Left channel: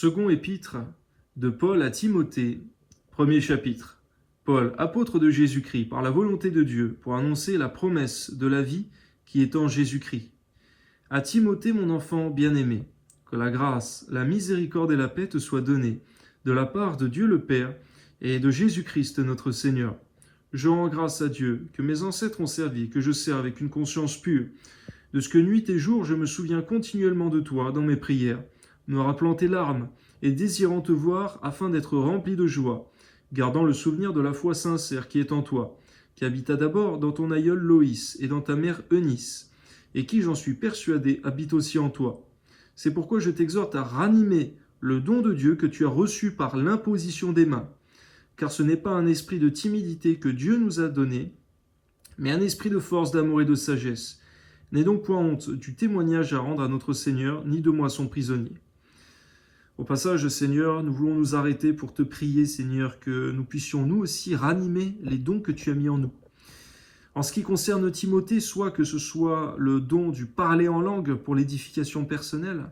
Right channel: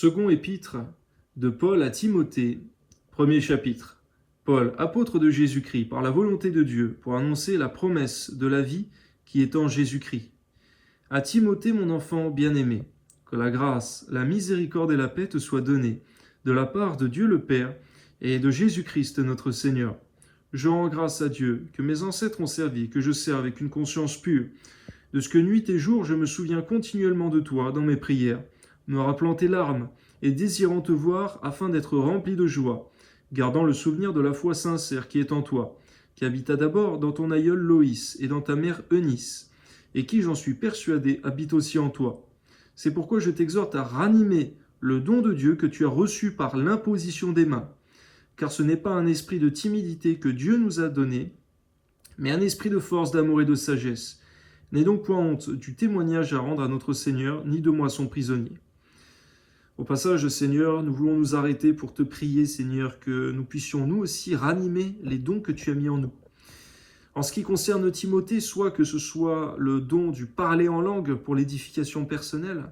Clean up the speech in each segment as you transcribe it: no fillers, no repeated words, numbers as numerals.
Second épître de Paul à Timothée, premier chapitre. Paul, apôtre de Jésus-Christ, par la volonté de Dieu, pour annoncer la promesse de la vie qui est en Jésus-Christ. À Timothée, mon enfant bien-aimé, que la grâce, la miséricorde et la paix te soient données de la part de Dieu le Père et de Jésus-Christ notre Seigneur. Je rends grâce à Dieu que mes ancêtres ont servi, que je sers avec une conscience pure, de ce que nuit et jour je me souviens continuellement de toi dans mes prières, me rappelant tes larmes et désirant te voir afin d'être rempli de joie, gardant le souvenir de la foi sincère qui est en toi, qui habita d'abord dans ton aïeul Loïs et dans ta mère Eunice, et qui, j'en suis persuadé, habite aussi en toi. C'est pourquoi je t'exhorte à ranimer le don de Dieu que tu as reçu par l'imposition des mains, car ce n'est pas un esprit de timidité que Dieu nous a donné, mais un esprit de force, d'amour et de sagesse. N'aie donc point honte du témoignage à rendre à notre Seigneur, ni de moi son prisonnier. Au passage, Seigneur, nous voulons nous arrêter pour te prier, Seigneur, que nous puissions nous aussi ranimer les dons que tu as mis en nous. En ce qui concerne Timothée, soit que ce soit le don du parler en langue pour l'édification personnelle,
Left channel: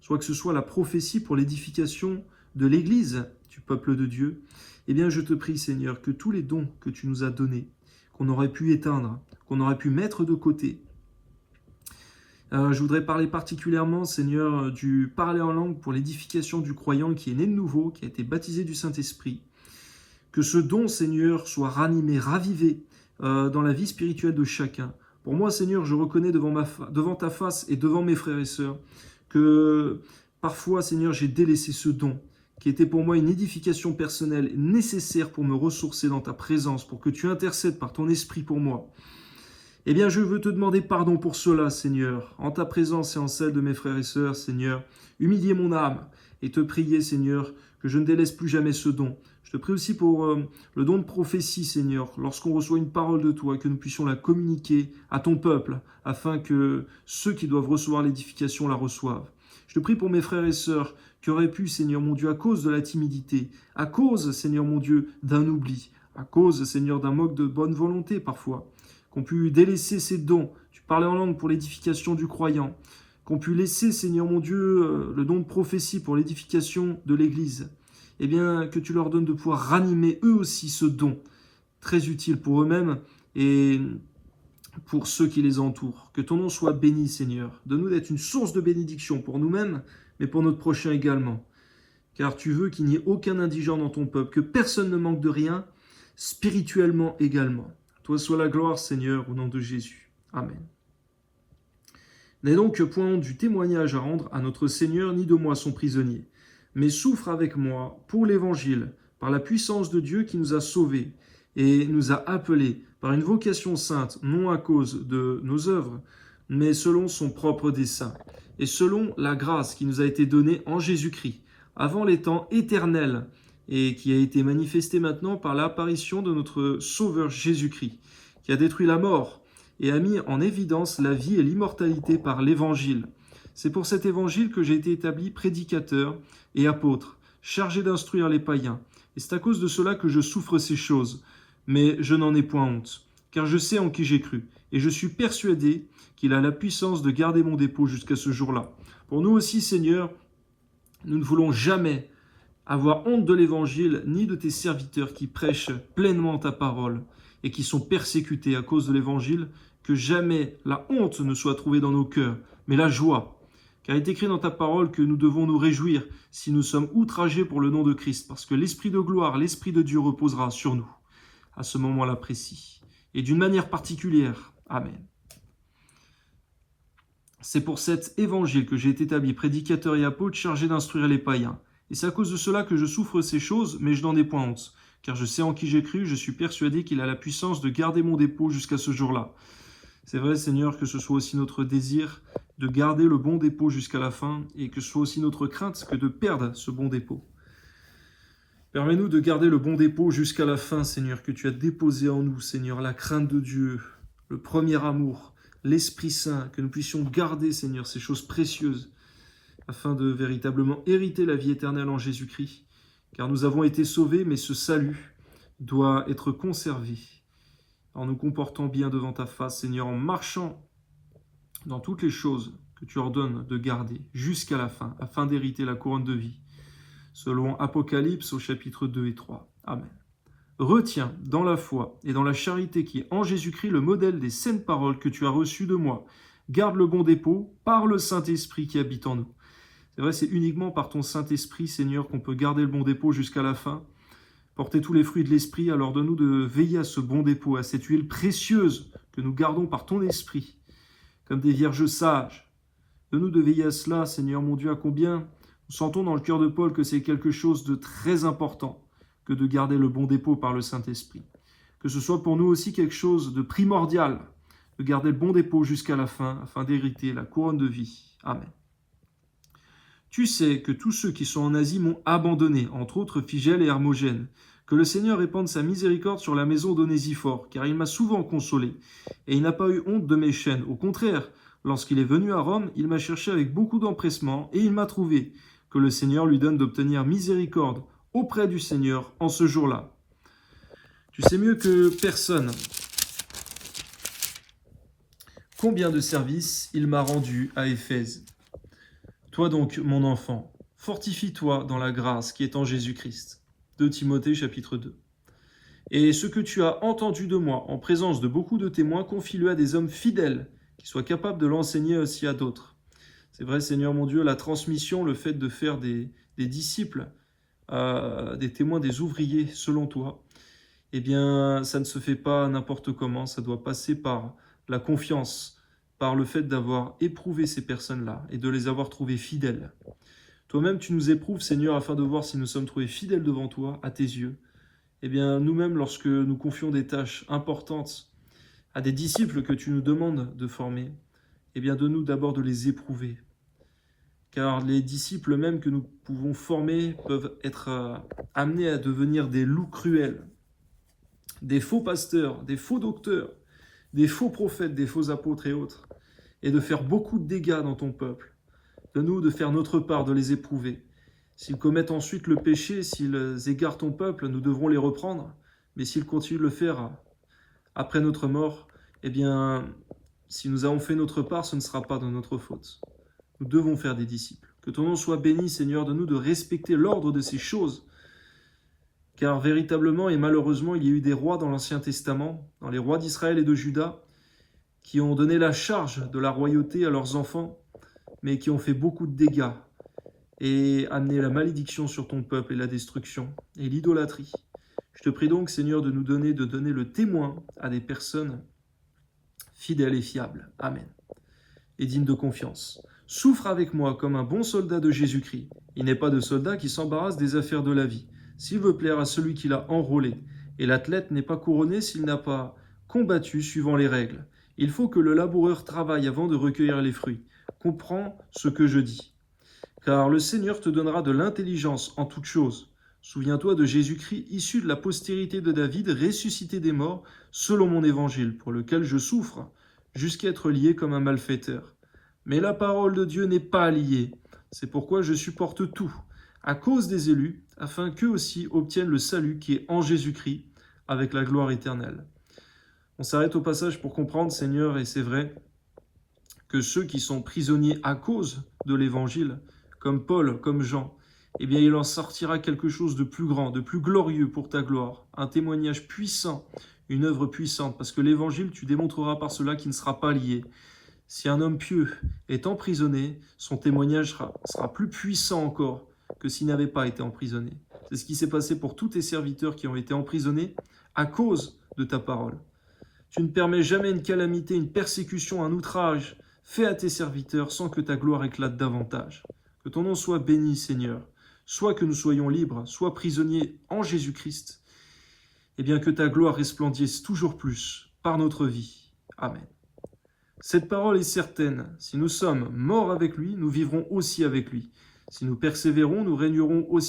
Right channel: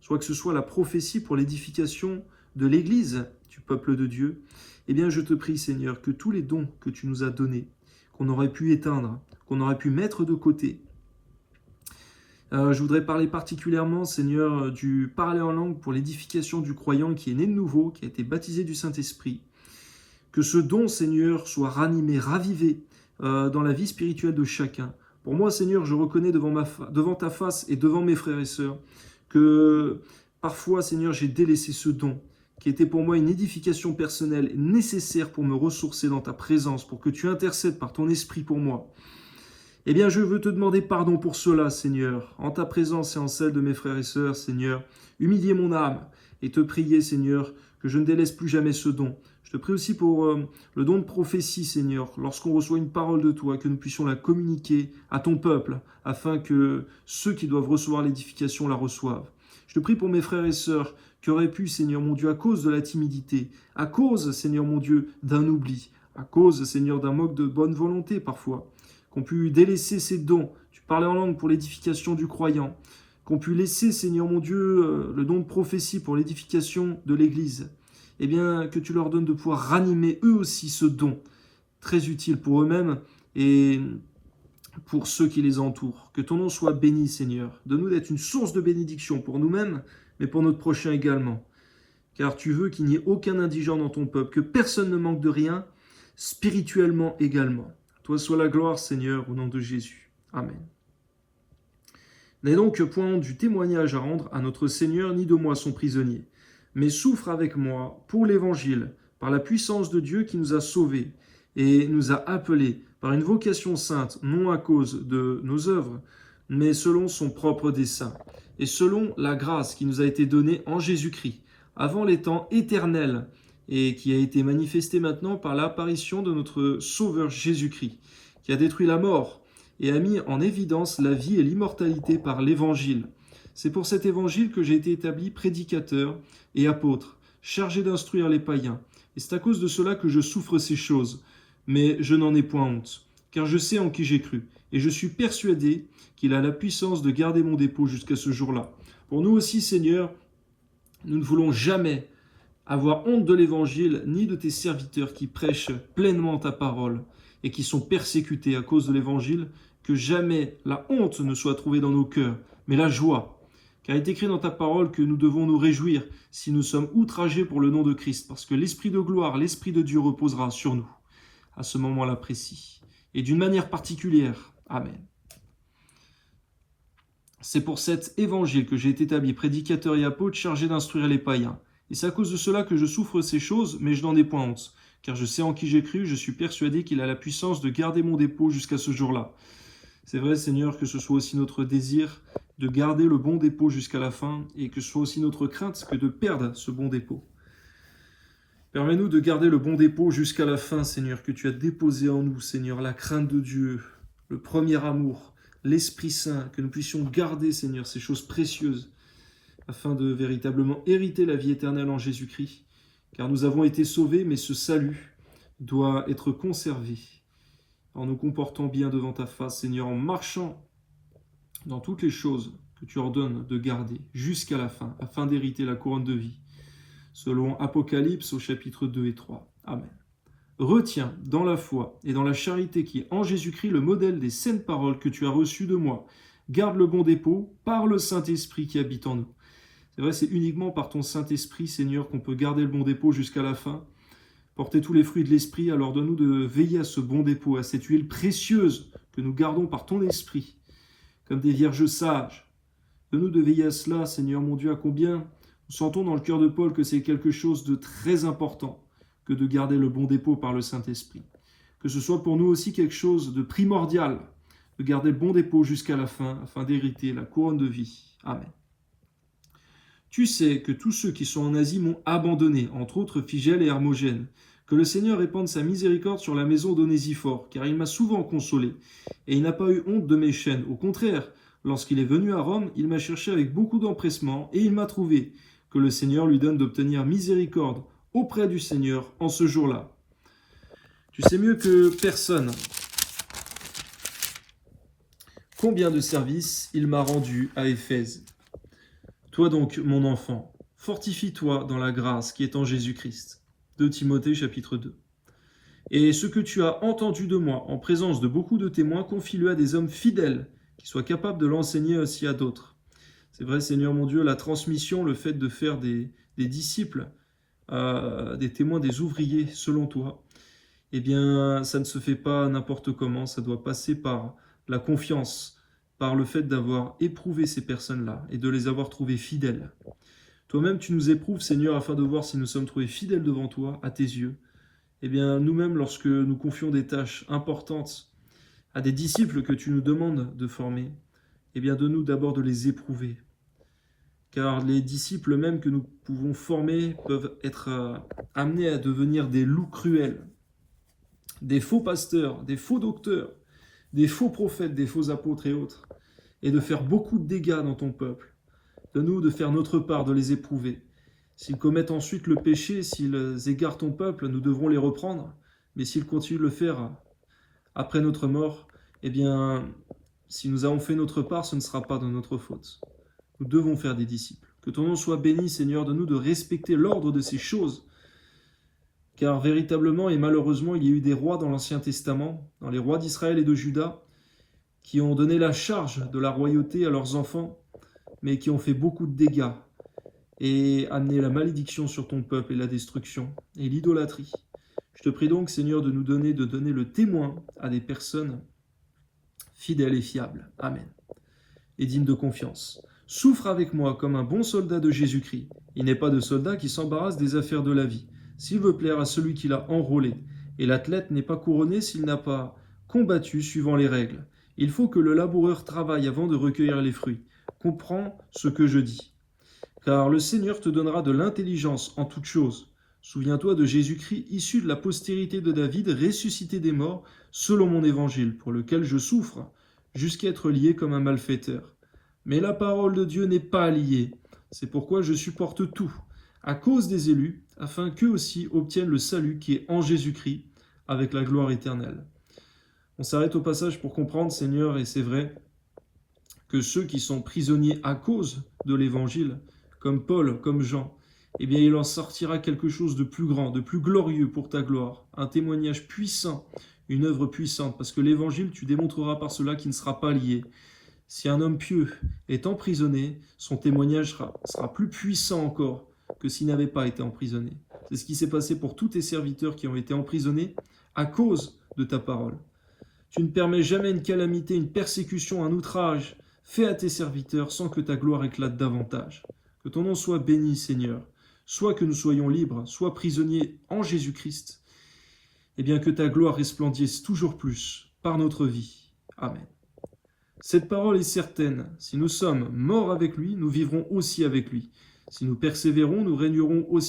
soit que ce soit la prophétie pour l'édification de l'Église, du peuple de Dieu, eh bien je te prie, Seigneur, que tous les dons que tu nous as donnés, qu'on aurait pu éteindre, qu'on aurait pu mettre de côté, je voudrais parler particulièrement, Seigneur, du parler en langue pour l'édification du croyant qui est né de nouveau, qui a été baptisé du Saint-Esprit. Que ce don, Seigneur, soit ranimé, ravivé dans la vie spirituelle de chacun. Pour moi, Seigneur, je reconnais devant ta face et devant mes frères et sœurs que parfois, Seigneur, j'ai délaissé ce don qui était pour moi une édification personnelle nécessaire pour me ressourcer dans ta présence, pour que tu intercèdes par ton esprit pour moi. Eh bien, je veux te demander pardon pour cela, Seigneur, en ta présence et en celle de mes frères et sœurs, Seigneur. Humilier mon âme et te prier, Seigneur, que je ne délaisse plus jamais ce don. Je te prie aussi pour le don de prophétie, Seigneur, lorsqu'on reçoit une parole de toi, que nous puissions la communiquer à ton peuple, afin que ceux qui doivent recevoir l'édification la reçoivent. Je te prie pour mes frères et sœurs qui auraient pu, Seigneur mon Dieu, à cause de la timidité, à cause, Seigneur mon Dieu, d'un oubli, à cause, Seigneur, d'un manque de bonne volonté parfois, qu'on pu délaisser ces dons, tu parlais en langue pour l'édification du croyant, qu'on pu laisser, Seigneur mon Dieu, le don de prophétie pour l'édification de l'Église, eh bien, que tu leur donnes de pouvoir ranimer eux aussi ce don, très utile pour eux-mêmes et pour ceux qui les entourent. Que ton nom soit béni, Seigneur. Donne-nous d'être une source de bénédiction pour nous-mêmes, mais pour notre prochain également. Car tu veux qu'il n'y ait aucun indigent dans ton peuple, que personne ne manque de rien, spirituellement également. Toi soit la gloire, Seigneur, au nom de Jésus. Amen. N'aie donc point du témoignage à rendre à notre Seigneur, ni de moi son prisonnier, mais souffre avec moi pour l'Évangile, par la puissance de Dieu qui nous a sauvés et nous a appelés par une vocation sainte, non à cause de nos œuvres, mais selon son propre dessein, et selon la grâce qui nous a été donnée en Jésus-Christ, avant les temps éternels, et qui a été manifesté maintenant par l'apparition de notre Sauveur Jésus-Christ, qui a détruit la mort et a mis en évidence la vie et l'immortalité par l'Évangile. C'est pour cet Évangile que j'ai été établi prédicateur et apôtre, chargé d'instruire les païens. Et c'est à cause de cela que je souffre ces choses, mais je n'en ai point honte, car je sais en qui j'ai cru, et je suis persuadé qu'il a la puissance de garder mon dépôt jusqu'à ce jour-là. Pour nous aussi, Seigneur, nous ne voulons jamais avoir honte de l'Évangile, ni de tes serviteurs qui prêchent pleinement ta parole et qui sont persécutés à cause de l'Évangile, que jamais la honte ne soit trouvée dans nos cœurs, mais la joie. Car il est écrit dans ta parole que nous devons nous réjouir si nous sommes outragés pour le nom de Christ, parce que l'Esprit de gloire, l'Esprit de Dieu reposera sur nous, à ce moment-là précis, et d'une manière particulière. Amen. C'est pour cet Évangile que j'ai été établi prédicateur et apôtre chargé d'instruire les païens. Et c'est à cause de cela que je souffre ces choses, mais je n'en ai point honte. Car je sais en qui j'ai cru, je suis persuadé qu'il a la puissance de garder mon dépôt jusqu'à ce jour-là. C'est vrai, Seigneur, que ce soit aussi notre désir de garder le bon dépôt jusqu'à la fin, et que ce soit aussi notre crainte que de perdre ce bon dépôt. Permets-nous de garder le bon dépôt jusqu'à la fin, Seigneur, que tu as déposé en nous, Seigneur, la crainte de Dieu, le premier amour, l'Esprit Saint, que nous puissions garder, Seigneur, ces choses précieuses, afin de véritablement hériter la vie éternelle en Jésus-Christ. Car nous avons été sauvés, mais ce salut doit être conservé en nous comportant bien devant ta face, Seigneur, en marchant dans toutes les choses que tu ordonnes de garder jusqu'à la fin, afin d'hériter la couronne de vie. selon Apocalypse au chapitre 2 et 3. Amen. Retiens dans la foi et dans la charité qui est en Jésus-Christ le modèle des saintes paroles que tu as reçues de moi. Garde le bon dépôt par le Saint-Esprit qui habite en nous. C'est vrai, c'est uniquement par ton Saint-Esprit, Seigneur, qu'on peut garder le bon dépôt jusqu'à la fin. Porter tous les fruits de l'Esprit, alors donne-nous de veiller à ce bon dépôt, à cette huile précieuse que nous gardons par ton Esprit, comme des vierges sages. Donne-nous de veiller à cela, Seigneur mon Dieu, à combien nous sentons dans le cœur de Paul que c'est quelque chose de très important que de garder le bon dépôt par le Saint-Esprit. Que ce soit pour nous aussi quelque chose de primordial, de garder le bon dépôt jusqu'à la fin, afin d'hériter la couronne de vie. Amen. Tu sais que tous ceux qui sont en Asie m'ont abandonné, entre autres Phygèle et Hermogène. Que le Seigneur répande sa miséricorde sur la maison d'Onésiphore, car il m'a souvent consolé, et il n'a pas eu honte de mes chaînes. Au contraire, lorsqu'il est venu à Rome, il m'a cherché avec beaucoup d'empressement, et il m'a trouvé. Que le Seigneur lui donne d'obtenir miséricorde auprès du Seigneur en ce jour-là. Tu sais mieux que personne combien de services il m'a rendu à Éphèse. Toi donc, mon enfant, fortifie-toi dans la grâce qui est en Jésus-Christ. 2 Timothée chapitre 2. Et ce que tu as entendu de moi en présence de beaucoup de témoins, confie-le à des hommes fidèles qui soient capables de l'enseigner aussi à d'autres. C'est vrai, Seigneur mon Dieu, la transmission, le fait de faire des disciples, des témoins, des ouvriers selon toi, eh bien, ça ne se fait pas n'importe comment, ça doit passer par la confiance, par le fait d'avoir éprouvé ces personnes-là et de les avoir trouvées fidèles. Toi-même, tu nous éprouves, Seigneur, afin de voir si nous sommes trouvés fidèles devant toi, à tes yeux. Eh bien, nous-mêmes, lorsque nous confions des tâches importantes à des disciples que tu nous demandes de former, eh bien, donne-nous d'abord de les éprouver. Car les disciples même que nous pouvons former peuvent être amenés à devenir des loups cruels, des faux pasteurs, des faux docteurs, des faux prophètes, des faux apôtres et autres, et de faire beaucoup de dégâts dans ton peuple. Donne-nous de faire notre part, de les éprouver. S'ils commettent ensuite le péché, s'ils égarent ton peuple, nous devrons les reprendre. Mais s'ils continuent de le faire après notre mort, eh bien, si nous avons fait notre part, ce ne sera pas de notre faute. Nous devons faire des disciples. Que ton nom soit béni, Seigneur, de nous de respecter l'ordre de ces choses. Car véritablement et malheureusement, il y a eu des rois dans l'Ancien Testament, dans les rois d'Israël et de Juda, qui ont donné la charge de la royauté à leurs enfants, mais qui ont fait beaucoup de dégâts et amené la malédiction sur ton peuple et la destruction et l'idolâtrie. Je te prie donc, Seigneur, de nous donner le témoin à des personnes fidèles et fiables. Amen. Et dignes de confiance. Souffre avec moi comme un bon soldat de Jésus-Christ. Il n'est pas de soldat qui s'embarrasse des affaires de la vie, s'il veut plaire à celui qui l'a enrôlé. Et l'athlète n'est pas couronné s'il n'a pas combattu suivant les règles. Il faut que le laboureur travaille avant de recueillir les fruits. Comprends ce que je dis. Car le Seigneur te donnera de l'intelligence en toutes choses. Souviens-toi de Jésus-Christ, issu de la postérité de David, ressuscité des morts, selon mon évangile, pour lequel je souffre, jusqu'à être lié comme un malfaiteur. Mais la parole de Dieu n'est pas liée. C'est pourquoi je supporte tout, à cause des élus, afin qu'eux aussi obtiennent le salut qui est en Jésus-Christ, avec la gloire éternelle. On s'arrête au passage pour comprendre, Seigneur, et c'est vrai, que ceux qui sont prisonniers à cause de l'évangile, comme Paul, comme Jean, eh bien il en sortira quelque chose de plus grand, de plus glorieux pour ta gloire, un témoignage puissant, une œuvre puissante, parce que l'évangile, tu démontreras par cela qu'il ne sera pas lié. Si un homme pieux est emprisonné, son témoignage sera plus puissant encore que s'il n'avait pas été emprisonné. C'est ce qui s'est passé pour tous tes serviteurs qui ont été emprisonnés à cause de ta parole. Tu ne permets jamais une calamité, une persécution, un outrage fait à tes serviteurs sans que ta gloire éclate davantage. Que ton nom soit béni, Seigneur. Soit que nous soyons libres, soit prisonniers en Jésus-Christ. Et bien que ta gloire resplendisse toujours plus par notre vie. Amen. Cette parole est certaine. Si nous sommes morts avec lui, nous vivrons aussi avec lui. Si nous persévérons, nous régnerons aussi